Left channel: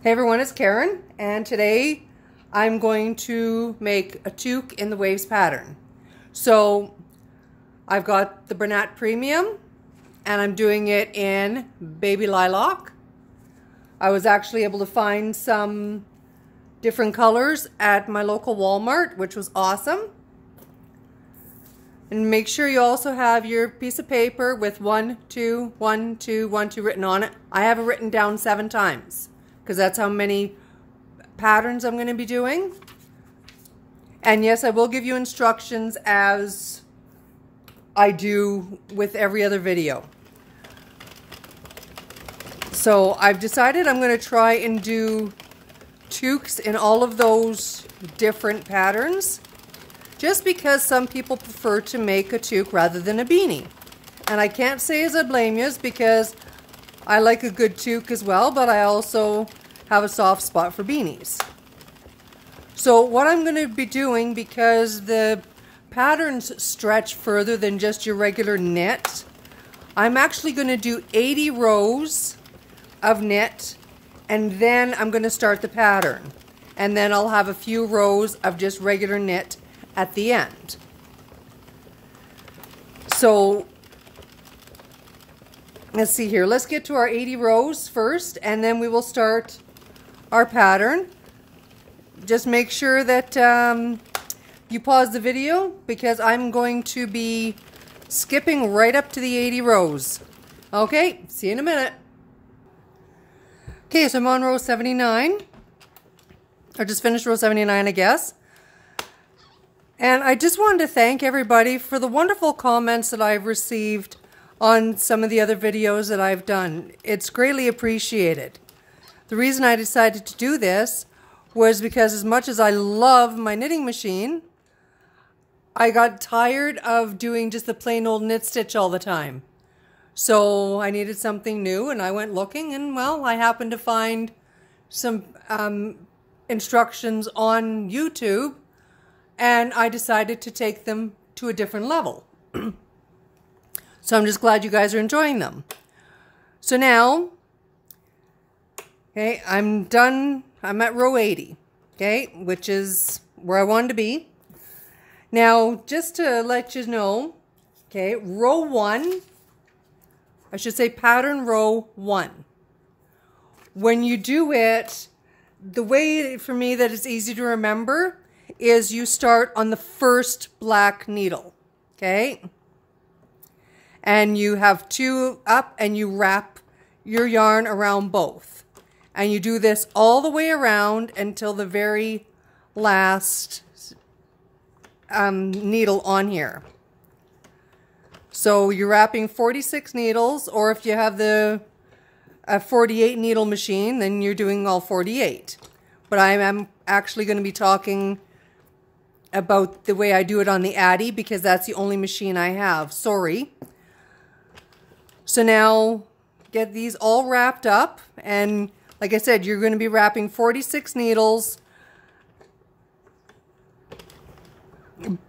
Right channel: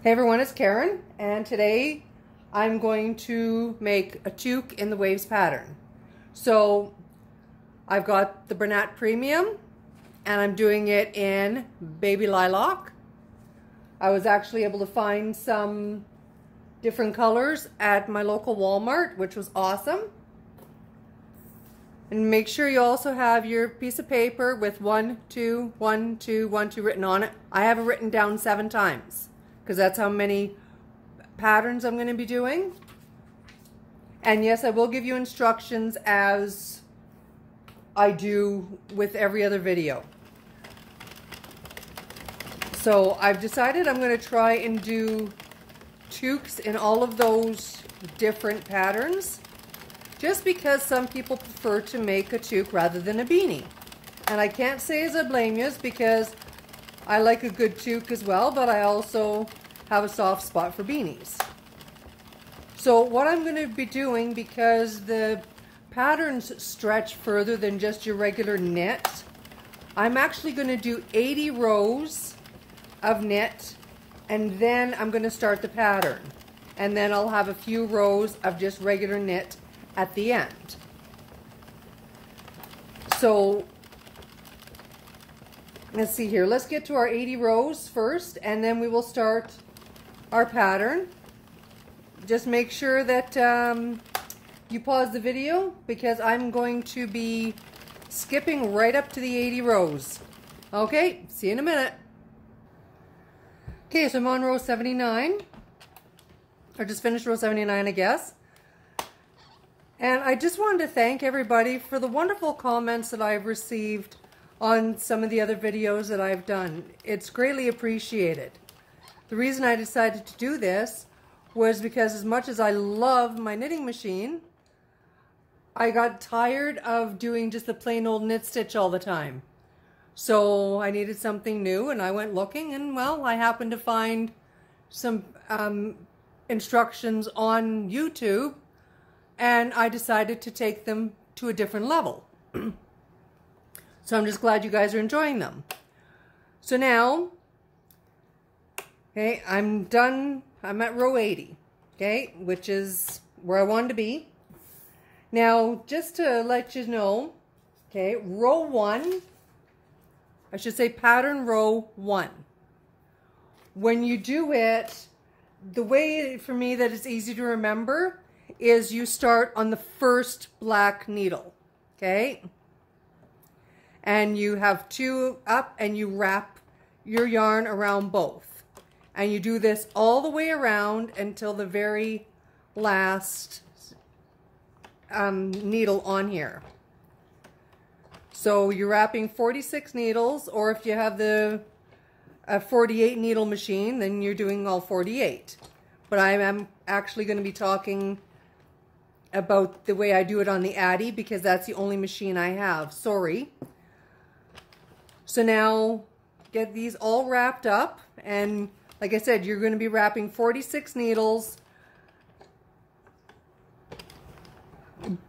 Hey everyone, it's Karen, and today I'm going to make a toque in the waves pattern. So I've got the Bernat Premium and I'm doing it in baby lilac. I was actually able to find some different colors at my local Walmart, which was awesome. And make sure you also have your piece of paper with 1, 2, 1, 2, 1, 2 written on it. I have it written down 7 times. Because that's how many patterns I'm going to be doing. And yes, I will give you instructions as I do with every other video. So I've decided I'm going to try and do toques in all of those different patterns, just because some people prefer to make a toque rather than a beanie. And I can't say as I blame you, because I like a good toque as well, but I also have a soft spot for beanies. So what I'm going to be doing, because the patterns stretch further than just your regular knit, I'm actually going to do 80 rows of knit, and then I'm going to start the pattern. And then I'll have a few rows of just regular knit at the end. So let's see here. Let's get to our 80 rows first, and then we will start our pattern. Just make sure that you pause the video, because I'm going to be skipping right up to the 80 rows. Okay, see you in a minute. Okay, so I'm on row 79. I just finished row 79, I guess. And I just wanted to thank everybody for the wonderful comments that I've received on some of the other videos that I've done. It's greatly appreciated. The reason I decided to do this was because, as much as I love my knitting machine, I got tired of doing just the plain old knit stitch all the time. So I needed something new, and I went looking, and well, I happened to find some instructions on YouTube, and I decided to take them to a different level. So I'm just glad you guys are enjoying them. So now, okay, I'm done. I'm at row 80, okay, which is where I wanted to be. Now, just to let you know, okay, row 1, I should say pattern row 1. When you do it, the way for me that it's easy to remember is you start on the first black needle, okay? And you have 2 up, and you wrap your yarn around both. And you do this all the way around until the very last needle on here. So you're wrapping 46 needles, or if you have the 48 needle machine, then you're doing all 48. But I am actually going to be talking about the way I do it on the Addy, because that's the only machine I have. Sorry. So now get these all wrapped up, and like I said, you're going to be wrapping 46 needles,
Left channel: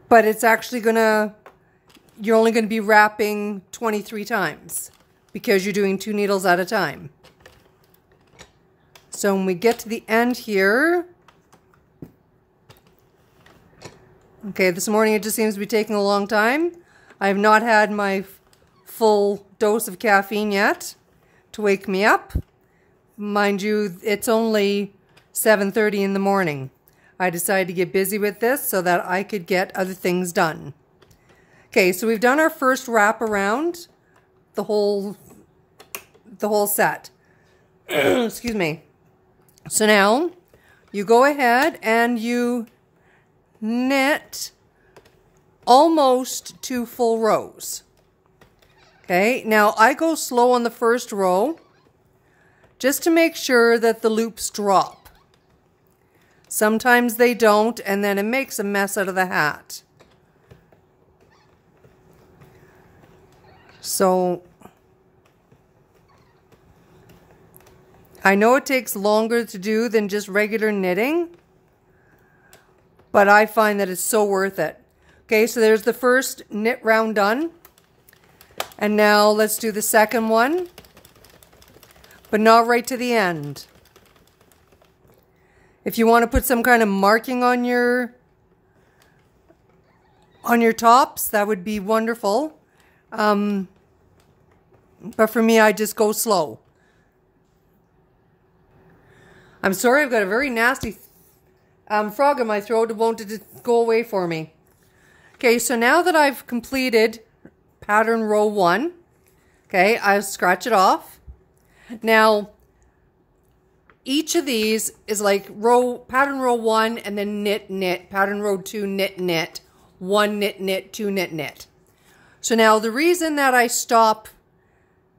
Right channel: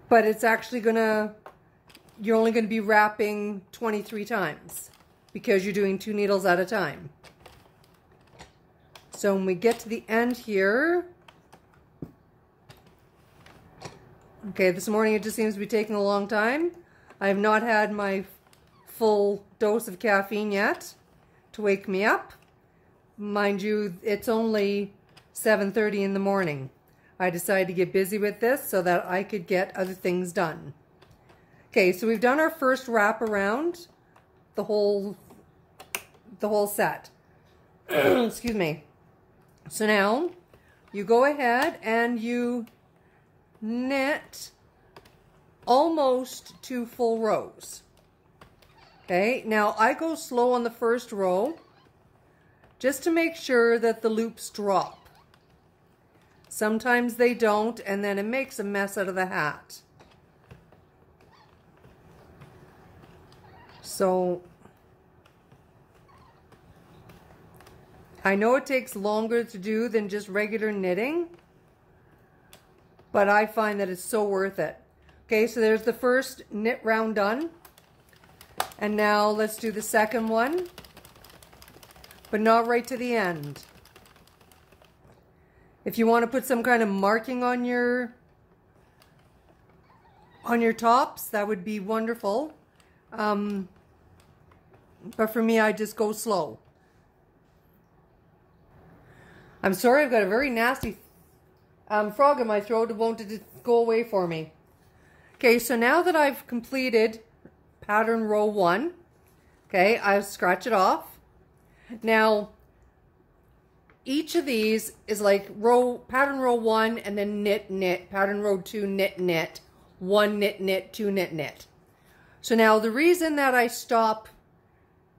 but it's actually you're only going to be wrapping 23 times, because you're doing 2 needles at a time. So when we get to the end here, okay, this morning it just seems to be taking a long time. I have not had my full dose of caffeine yet to wake me up. Mind you, it's only 7:30 in the morning. I decided to get busy with this so that I could get other things done. Okay, so we've done our first wrap around the whole set. Excuse me. So now you go ahead and you knit almost 2 full rows. Okay, now I go slow on the first row just to make sure that the loops drop. Sometimes they don't, and then it makes a mess out of the hat. So I know it takes longer to do than just regular knitting, but I find that it's so worth it. Okay, so there's the first knit round done. And now let's do the second one, but not right to the end. If you want to put some kind of marking on your tops, that would be wonderful. But for me, I just go slow. I'm sorry, I've got a very nasty frog in my throat. It won't go away for me. Okay, so now that I've completed pattern row 1, okay, I'll scratch it off. Now, each of these is like pattern row 1 and then knit, knit, pattern row 2, knit, knit, 1 knit, knit, 2 knit, knit. So now the reason that I stop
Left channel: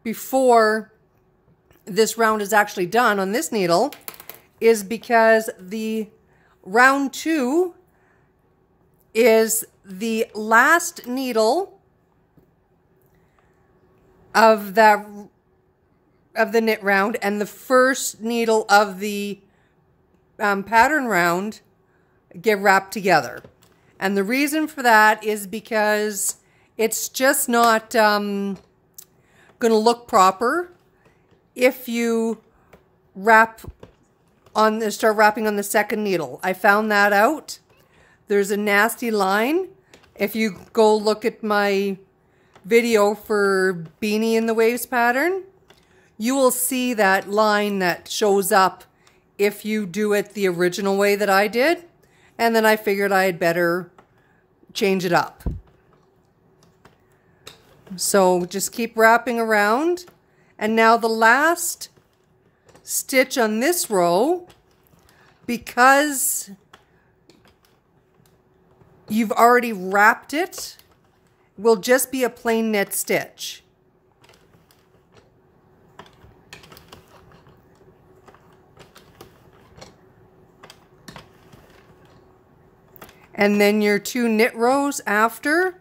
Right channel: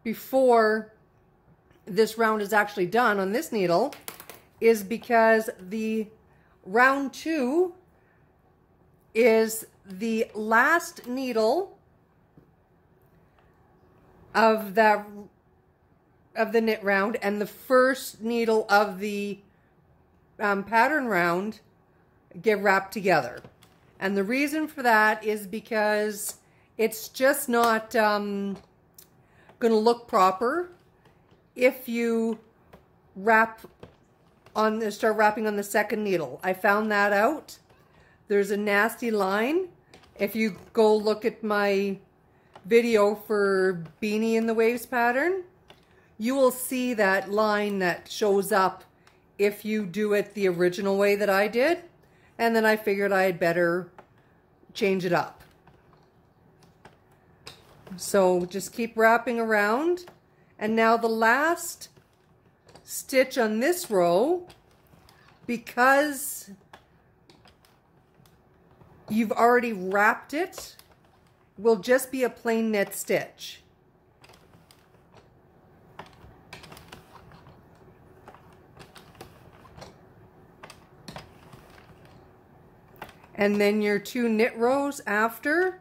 before this round is actually done on this needle is because the round 2 is the last needle of the knit round and the first needle of the pattern round get wrapped together. And the reason for that is because it's just not going to look proper if you start wrapping on the second needle. I found that out. There's a nasty line. If you go look at my video for Beanie in the Waves pattern, you will see that line that shows up if you do it the original way that I did. And then I figured I had better change it up. So just keep wrapping around. And now the last stitch on this row, because you've already wrapped it, will just be a plain knit stitch. And then your 2 knit rows after,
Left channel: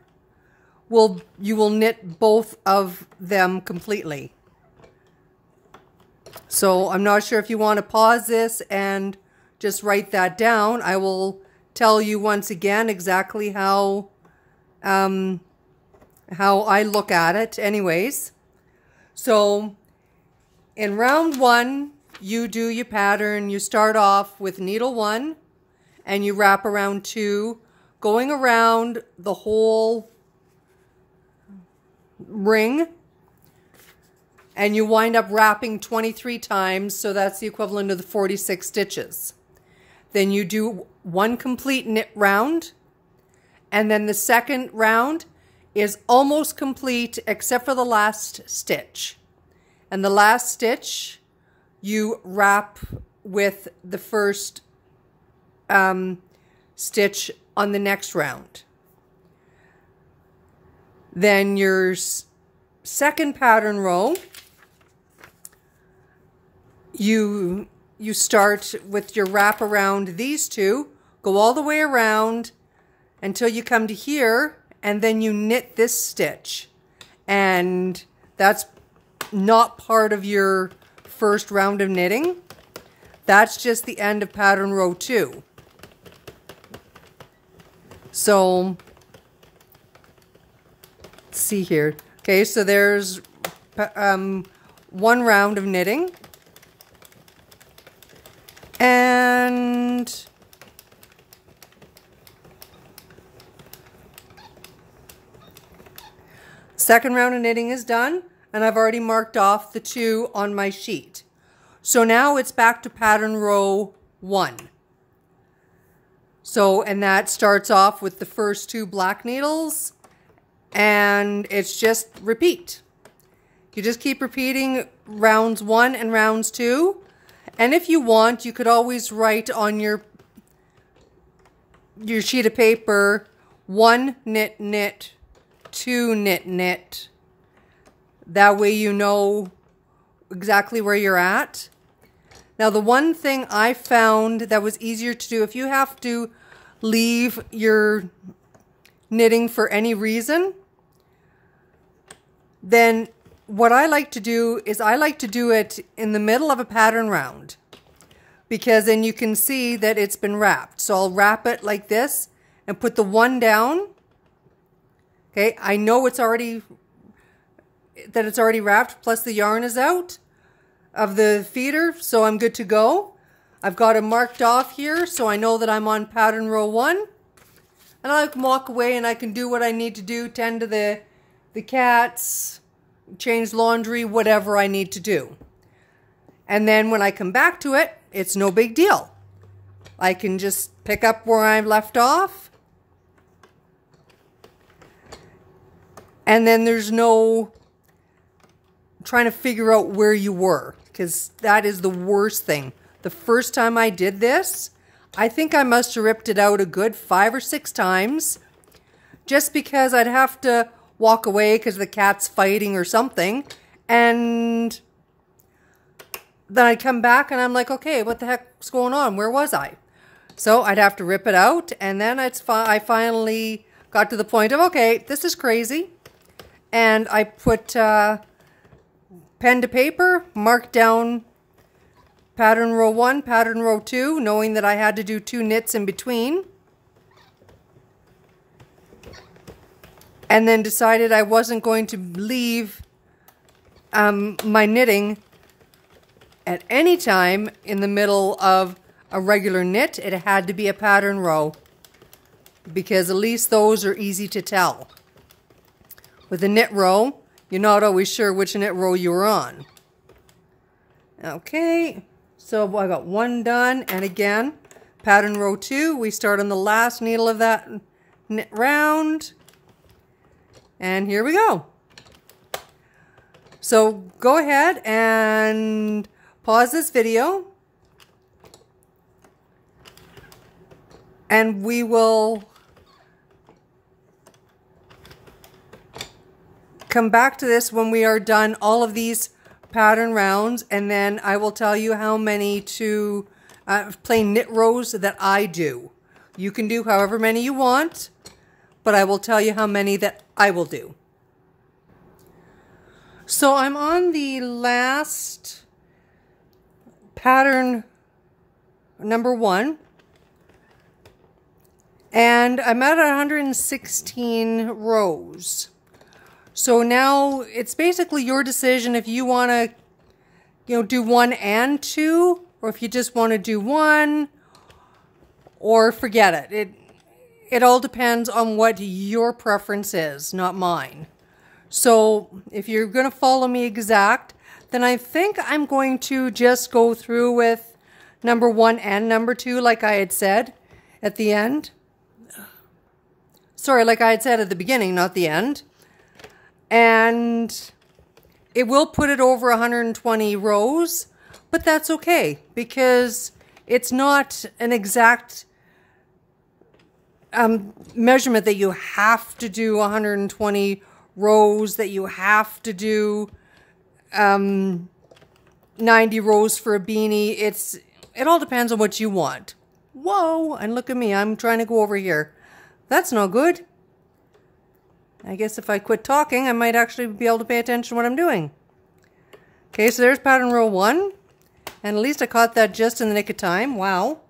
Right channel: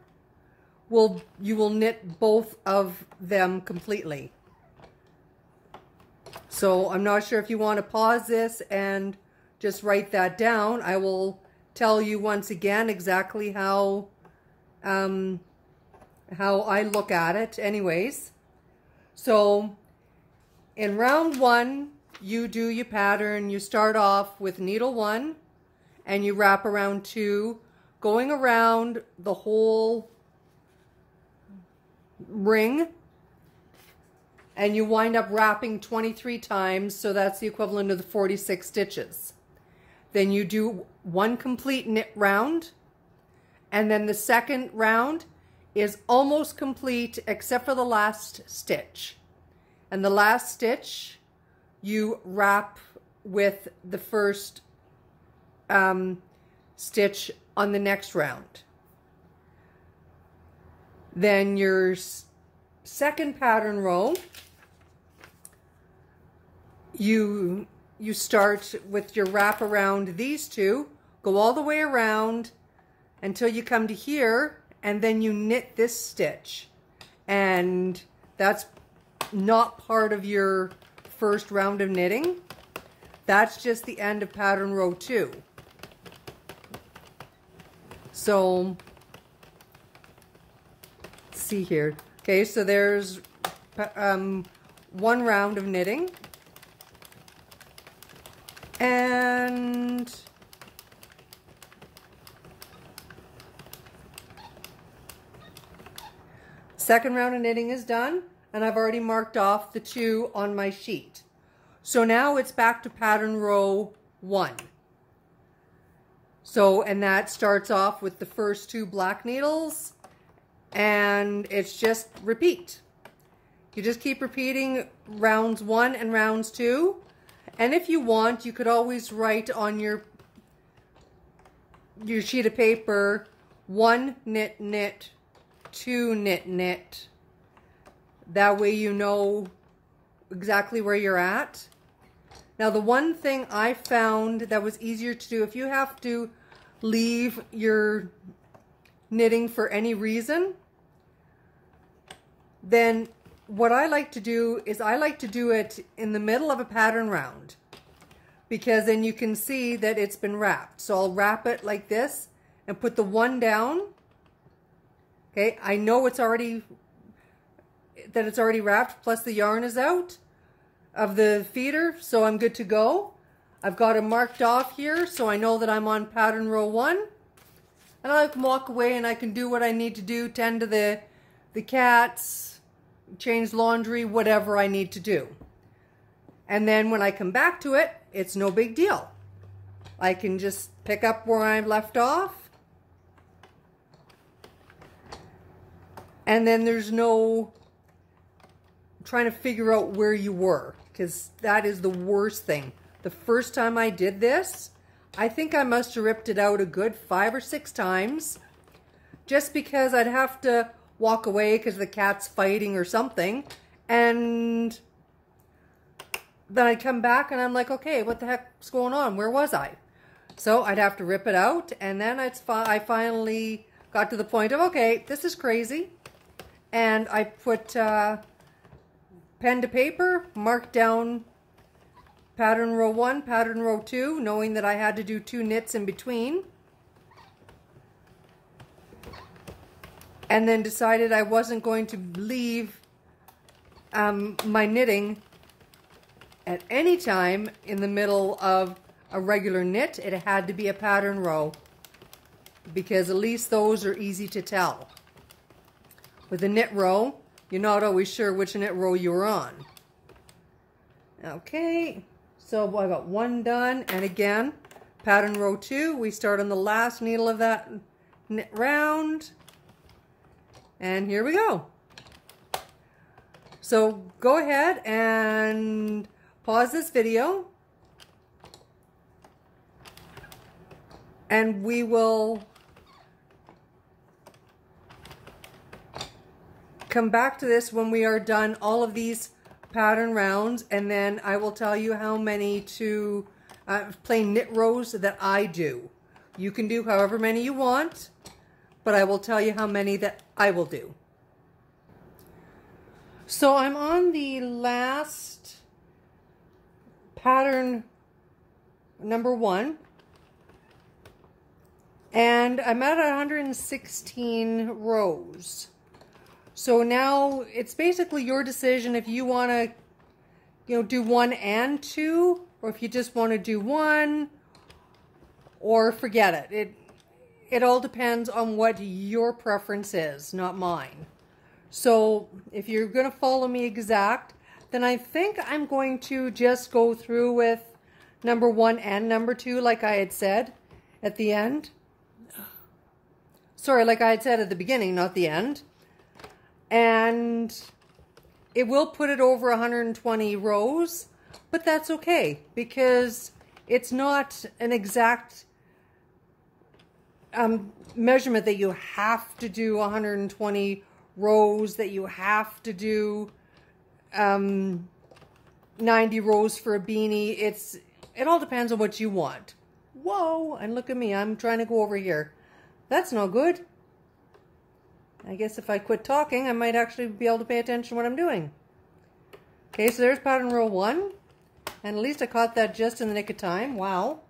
you will knit both of them completely. So I'm not sure if you want to pause this and just write that down. I will tell you once again exactly how I look at it anyways. So in round 1, you do your pattern. You start off with needle 1 and you wrap around 2, going around the whole ring, and you wind up wrapping 23 times, so that's the equivalent of the 46 stitches. Then you do 1 complete knit round, and then the second round is almost complete except for the last stitch. And the last stitch you wrap with the first stitch on the next round. Then your second pattern row, you start with your wrap around these 2, go all the way around until you come to here, and then you knit this stitch. And that's not part of your first round of knitting. That's just the end of pattern row 2. So let's see here. Okay, so there's 1 round of knitting. And second round of knitting is done, and I've already marked off the 2 on my sheet. So now it's back to pattern row 1. So, and that starts off with the first 2 black needles, and it's just repeat. You just keep repeating rounds 1 and rounds 2. And if you want, you could always write on your sheet of paper 1 knit, knit, 2 knit, knit. That way you know exactly where you're at. Now, the one thing I found that was easier to do, if you have to leave your knitting for any reason, then what I like to do is I like to do it in the middle of a pattern round, because then you can see that it's been wrapped. So I'll wrap it like this and put the 1 down. Okay, I know it's already wrapped, plus the yarn is out of the feeder, so I'm good to go. I've got it marked off here so I know that I'm on pattern row 1. And I can walk away and I can do what I need to do, tend to the cats, change laundry, whatever I need to do. And then when I come back to it, it's no big deal. I can just pick up where I left off. And then there's no trying to figure out where you were, because that is the worst thing. The first time I did this, I think I must have ripped it out a good 5 or 6 times, just because I'd have to walk away because the cat's fighting or something, and then I'd come back and I'm like, okay, what the heck's going on? Where was I? So I'd have to rip it out, and then I finally got to the point of, okay, this is crazy, and I put pen to paper, marked down pattern row 1, pattern row 2, knowing that I had to do 2 knits in between. And then decided I wasn't going to leave my knitting at any time in the middle of a regular knit. It had to be a pattern row, because at least those are easy to tell. With a knit row, you're not always sure which knit row you're on. Okay, so I got 1 done, and again, pattern row 2, we start on the last needle of that knit round, and here we go. So go ahead and pause this video, and we will come back to this when we are done all of these pattern rounds, and then I will tell you how many plain knit rows that I do. You can do however many you want, but I will tell you how many that I will do. So I'm on the last pattern, number 1, and I'm at 116 rows. So now it's basically your decision if you want to, do 1 and 2, or if you just want to do 1, or forget it. It all depends on what your preference is, not mine. So if you're going to follow me exact, then I think I'm going to just go through with number 1 and number 2, like I had said at the end. Sorry, like I had said at the beginning, not the end. And it will put it over 120 rows, but that's okay, because it's not an exact measurement that you have to do 120 rows, that you have to do 90 rows for a beanie. It all depends on what you want. Whoa, and look at me, I'm trying to go over here. That's not good. I guess if I quit talking, I might actually be able to pay attention to what I'm doing. Okay, so there's pattern row 1. And at least I caught that just in the nick of time. Wow.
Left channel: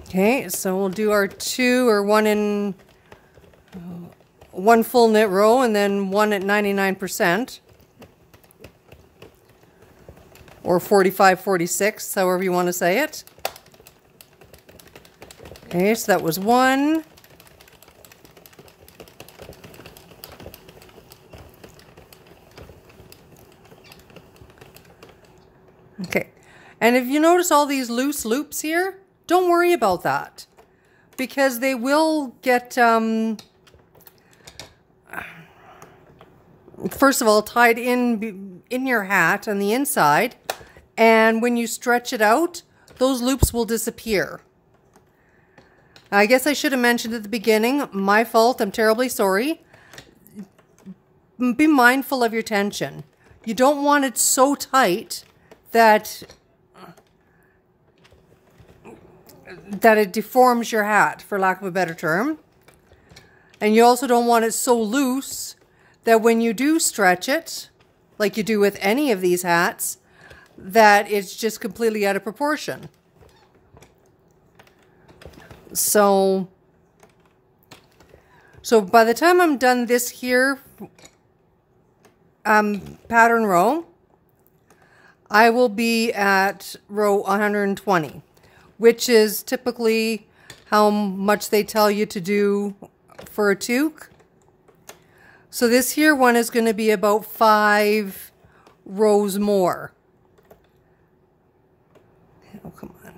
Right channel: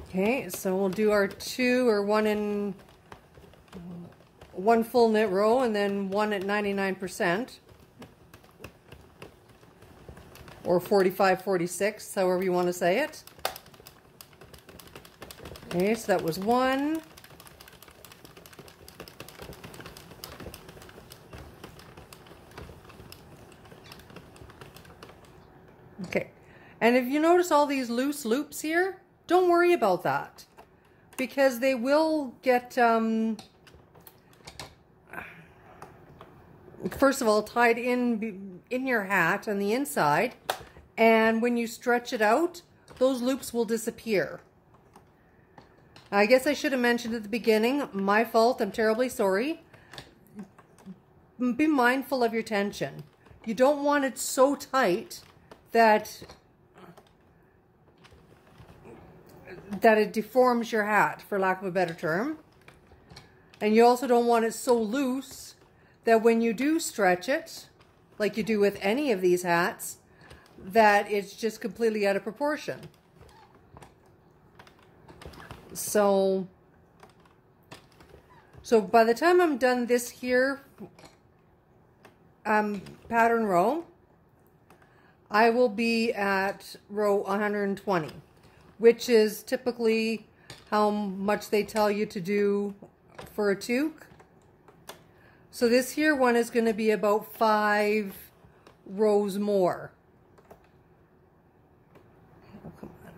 Okay, so we'll do our 2 or 1 full knit row, and then 1 at 99%. Or 45, 46, however you want to say it. Okay, so that was 1. Okay, and if you notice all these loose loops here, don't worry about that, because they will get, first of all, tied in your hat on the inside, and when you stretch it out, those loops will disappear. I guess I should have mentioned at the beginning, my fault, I'm terribly sorry. Be mindful of your tension. You don't want it so tight that it deforms your hat, for lack of a better term. And you also don't want it so loose that when you do stretch it, like you do with any of these hats, that it's just completely out of proportion. So by the time I'm done this here pattern row, I will be at row 120, which is typically how much they tell you to do for a toque. So this here one is going to be about 5 rows more. Oh, come on.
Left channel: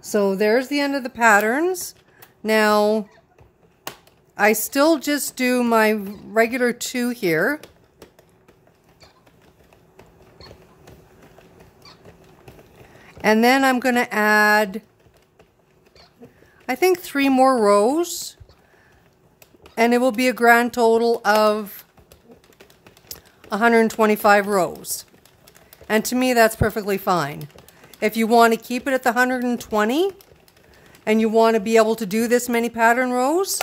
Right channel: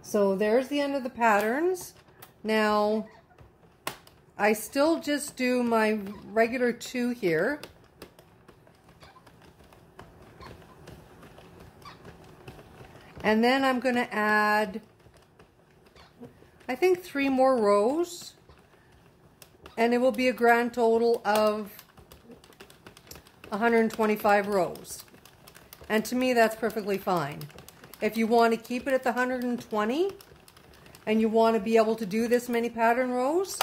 So there's the end of the patterns. Now, I still just do my regular 2 here. And then I'm going to add, I think, 3 more rows. And it will be a grand total of 125 rows. And to me, that's perfectly fine. If you want to keep it at the 120 and you want to be able to do this many pattern rows,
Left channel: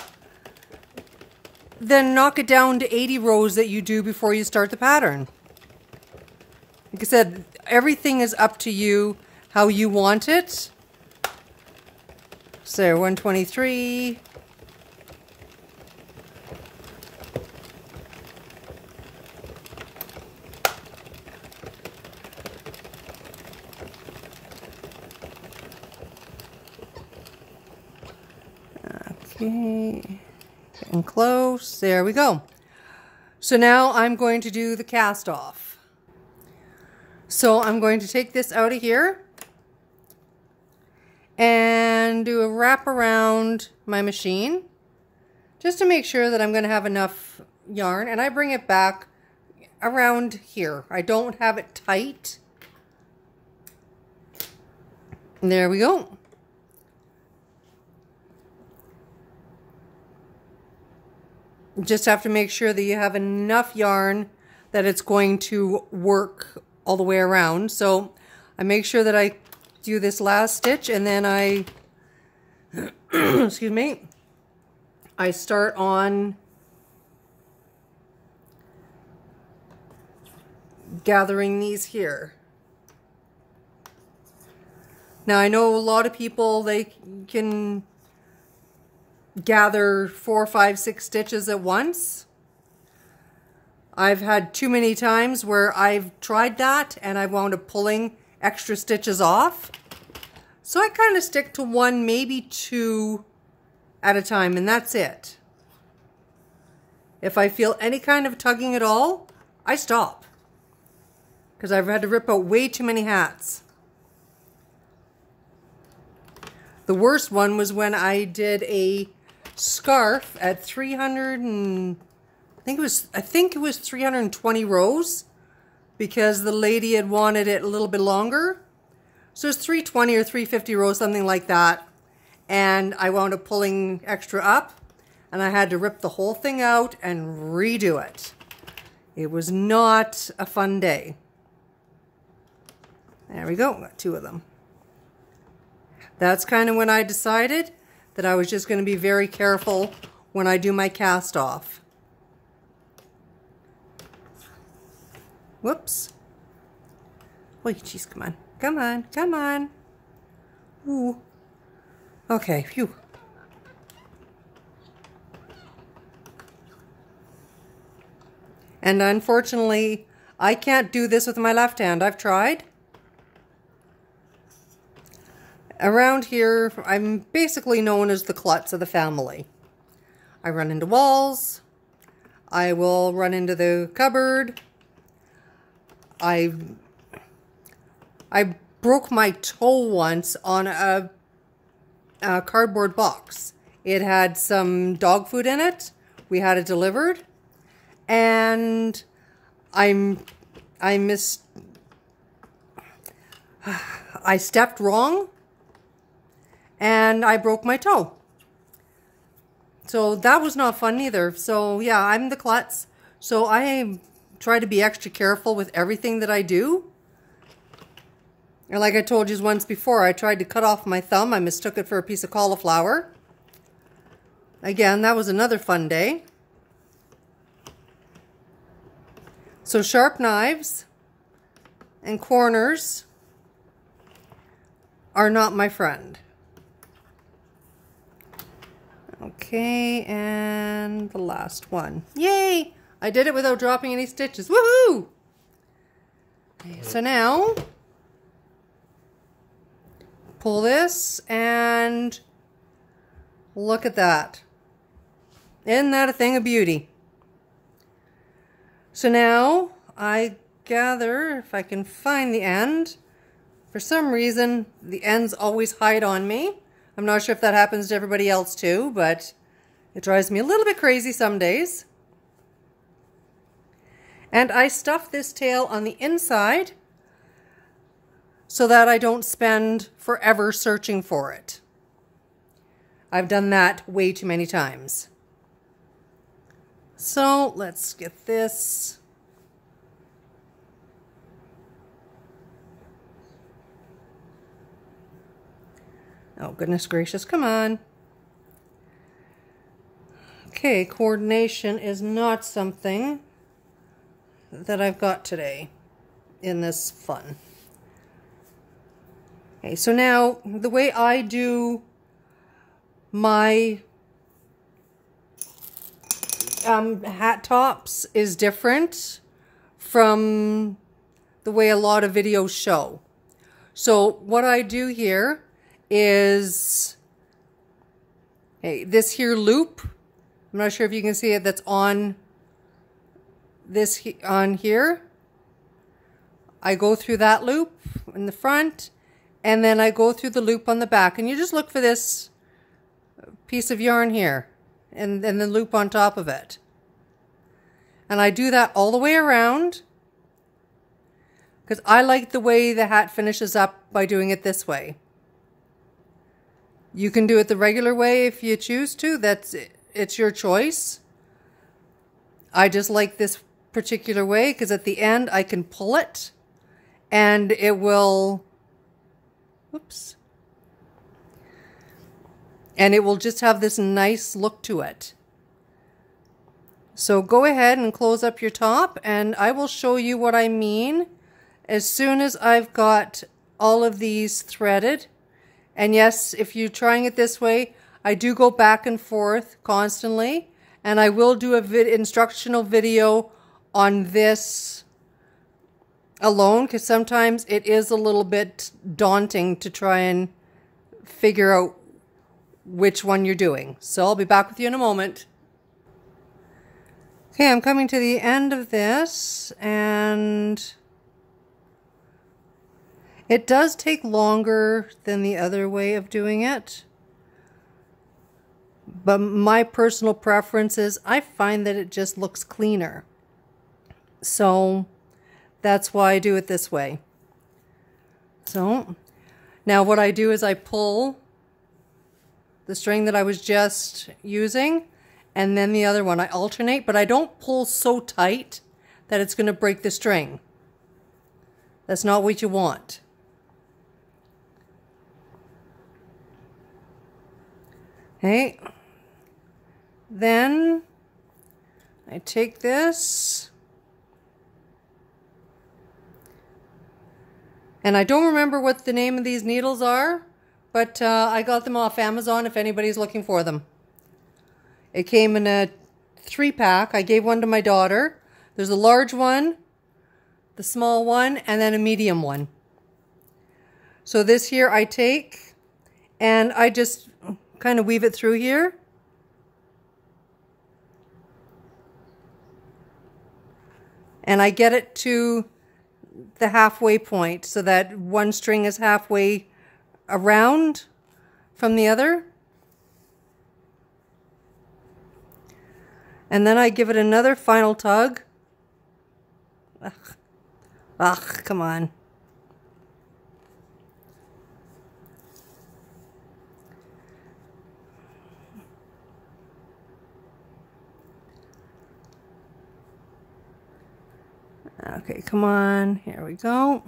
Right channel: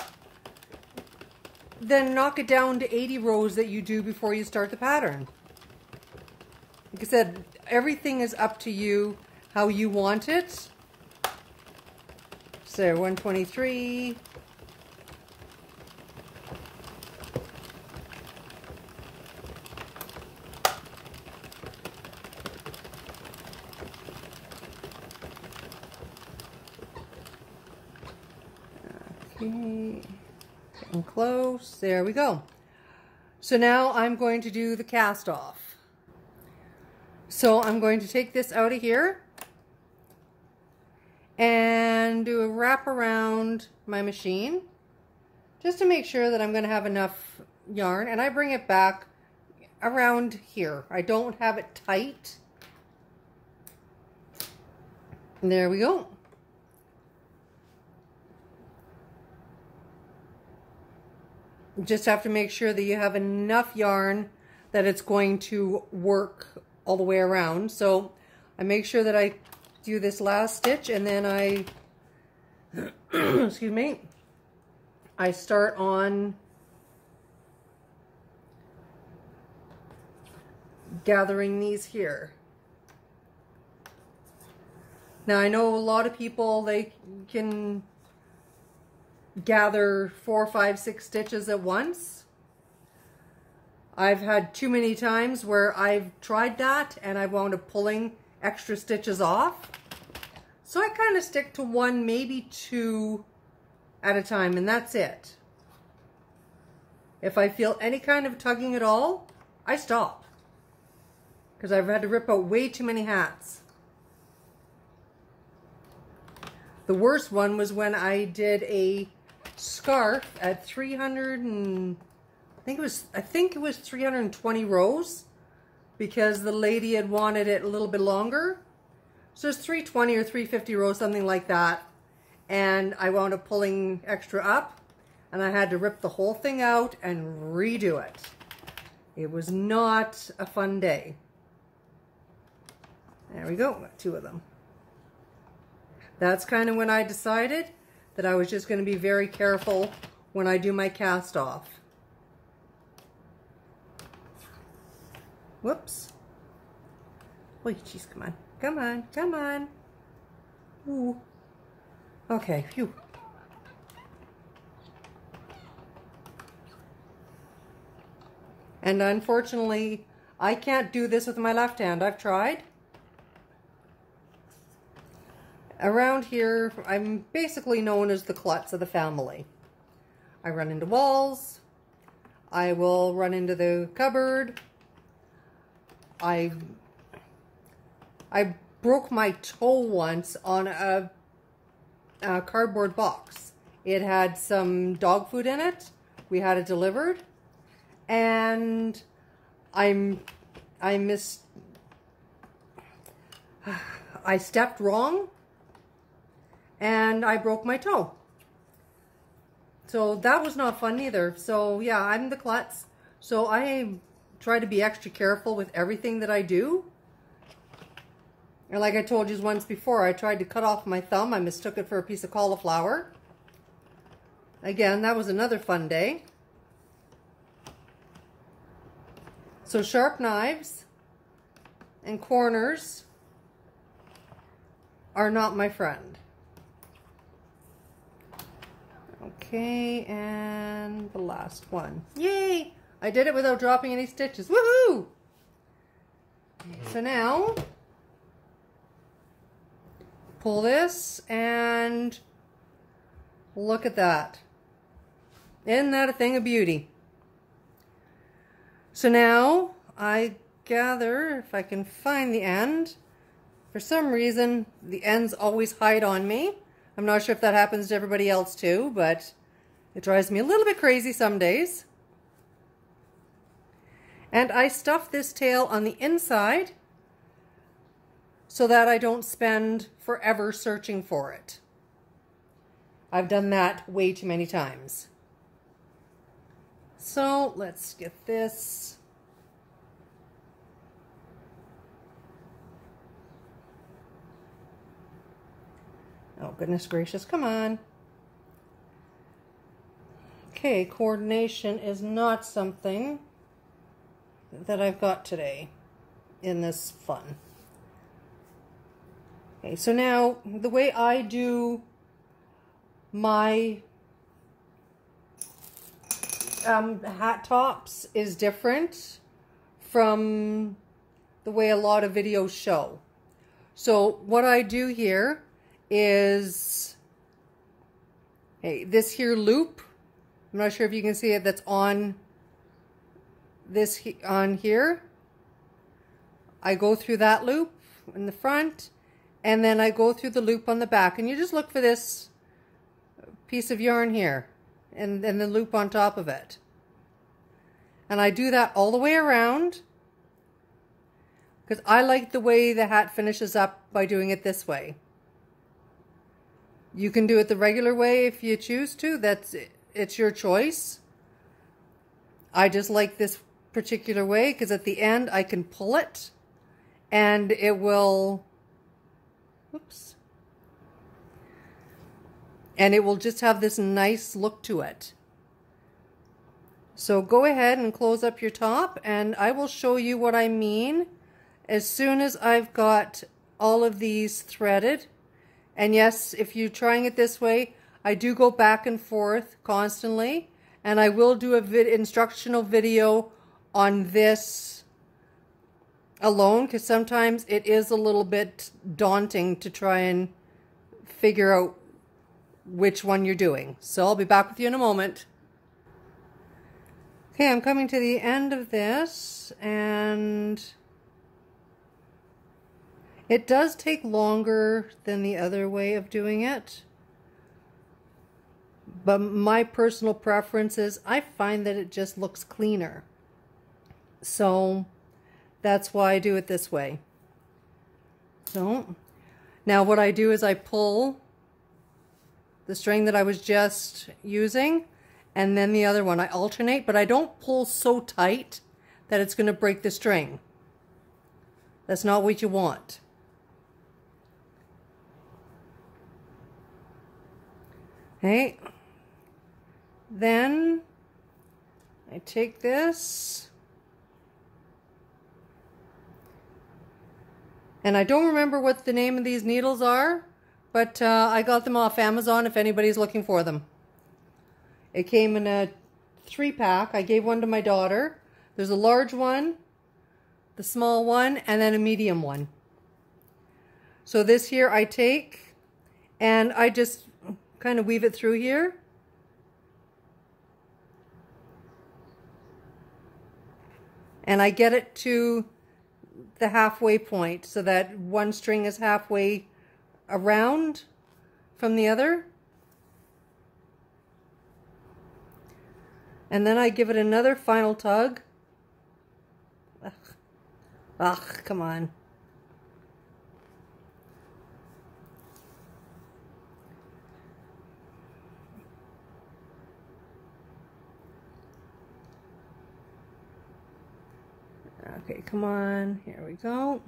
then knock it down to 80 rows that you do before you start the pattern. Like I said, everything is up to you how you want it. So 123. Okay, getting close. There we go. So now I'm going to do the cast off. So I'm going to take this out of here and do a wrap around my machine just to make sure that I'm going to have enough yarn, and I bring it back around here. I don't have it tight. And there we go. Just have to make sure that you have enough yarn that it's going to work all the way around. So I make sure that I do this last stitch, and then I excuse me, I start on gathering these here. Now I know a lot of people, they can gather 4, 5, 6 stitches at once. I've had too many times where I've tried that and I wound up pulling extra stitches off. So I kind of stick to 1, maybe 2 at a time, and that's it. If I feel any kind of tugging at all, I stop, because I've had to rip out way too many hats. The worst one was when I did a scarf at 300 and I think it was 320 rows, because the lady had wanted it a little bit longer. So it's 320 or 350 rows, something like that. And I wound up pulling extra up, and I had to rip the whole thing out and redo it. It was not a fun day. There we go, got 2 of them. That's kind of when I decided that I was just going to be very careful when I do my cast off. Whoops. Wait, jeez, come on. Come on, come on. Ooh. Okay, phew. And unfortunately, I can't do this with my left hand. I've tried. Around here, I'm basically known as the klutz of the family. I run into walls. I will run into the cupboard. I broke my toe once on a cardboard box. It had some dog food in it. We had it delivered, and I stepped wrong, and I broke my toe. So that was not fun either. So yeah, I'm the klutz. So I try to be extra careful with everything that I do. And like I told you once before, I tried to cut off my thumb. I mistook it for a piece of cauliflower. Again, that was another fun day. So sharp knives and corners are not my friend. Okay, and the last one. Yay! I did it without dropping any stitches. Woohoo! Okay, so now, pull this and look at that. Isn't that a thing of beauty? So now, I gather, if I can find the end, for some reason, the ends always hide on me. I'm not sure if that happens to everybody else too, but it drives me a little bit crazy some days. And I stuff this tail on the inside so that I don't spend forever searching for it. I've done that way too many times. So let's get this. Oh, goodness gracious, come on. Okay, coordination is not something that I've got today in this fun. Okay, so now the way I do my hat tops is different from the way a lot of videos show. So what I do here is this here loop. I'm not sure if you can see it, that's on this on here. I go through that loop in the front, and then I go through the loop on the back, and you just look for this piece of yarn here and then the loop on top of it. And I do that all the way around because I like the way the hat finishes up by doing it this way. You can do it the regular way if you choose to. It's your choice. I just like this particular way because at the end I can pull it and it will, oops, and it will just have this nice look to it. So go ahead and close up your top, and I will show you what I mean as soon as I've got all of these threaded. And yes, if you're trying it this way, I do go back and forth constantly, and I will do a instructional video on this alone because sometimes it is a little bit daunting to try and figure out which one you're doing. So I'll be back with you in a moment. Okay, I'm coming to the end of this, and it does take longer than the other way of doing it. But my personal preference is I find that it just looks cleaner. So that's why I do it this way. So now what I do is I pull the string that I was just using and then the other one. I alternate, but I don't pull so tight that it's going to break the string. That's not what you want. Okay. Then I take this, and I don't remember what the name of these needles are, but I got them off Amazon if anybody's looking for them. It came in a 3-pack. I gave one to my daughter. There's a large one, the small one, and then a medium one. So this here I take, and I just kind of weave it through here. And I get it to the halfway point so that one string is halfway around from the other. And then I give it another final tug. Ugh, come on. Okay, come on. Here we go.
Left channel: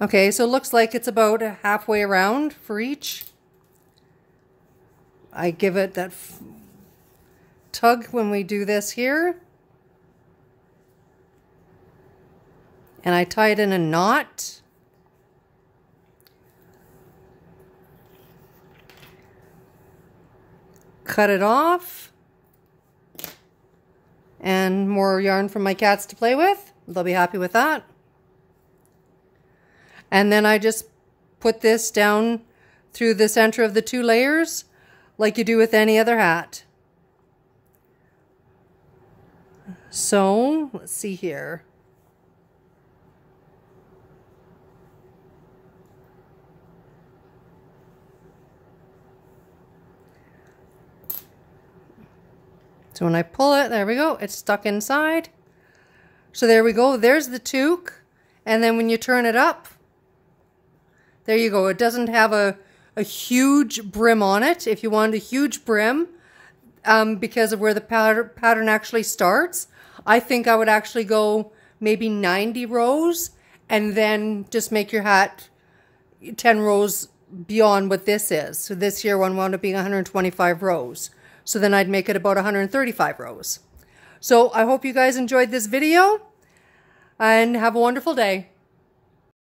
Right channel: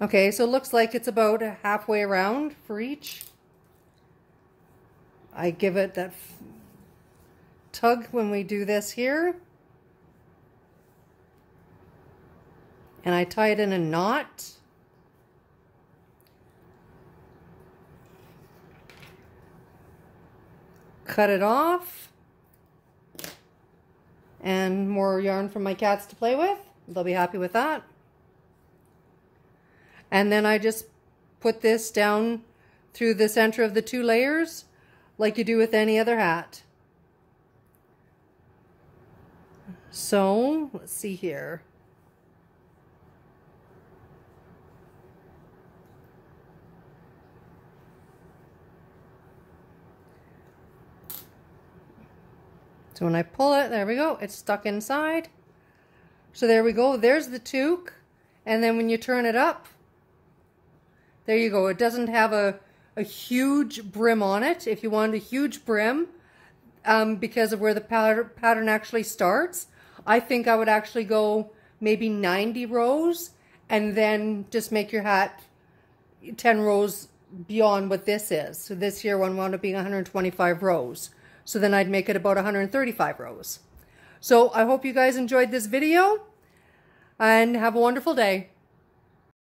Okay, so it looks like it's about halfway around for each. I give it that tug when we do this here. And I tie it in a knot. Cut it off. and more yarn for my cats to play with. They'll be happy with that. And then I just put this down through the center of the 2 layers like you do with any other hat. So let's see here. So when I pull it, there we go, it's stuck inside. So there we go, there's the toque. And then when you turn it up, there you go. It doesn't have a huge brim on it. If you want a huge brim, because of where the pattern actually starts, I think I would actually go maybe 90 rows and then just make your hat 10 rows beyond what this is. So this here one wound up being 125 rows. So then I'd make it about 135 rows. So I hope you guys enjoyed this video and have a wonderful day.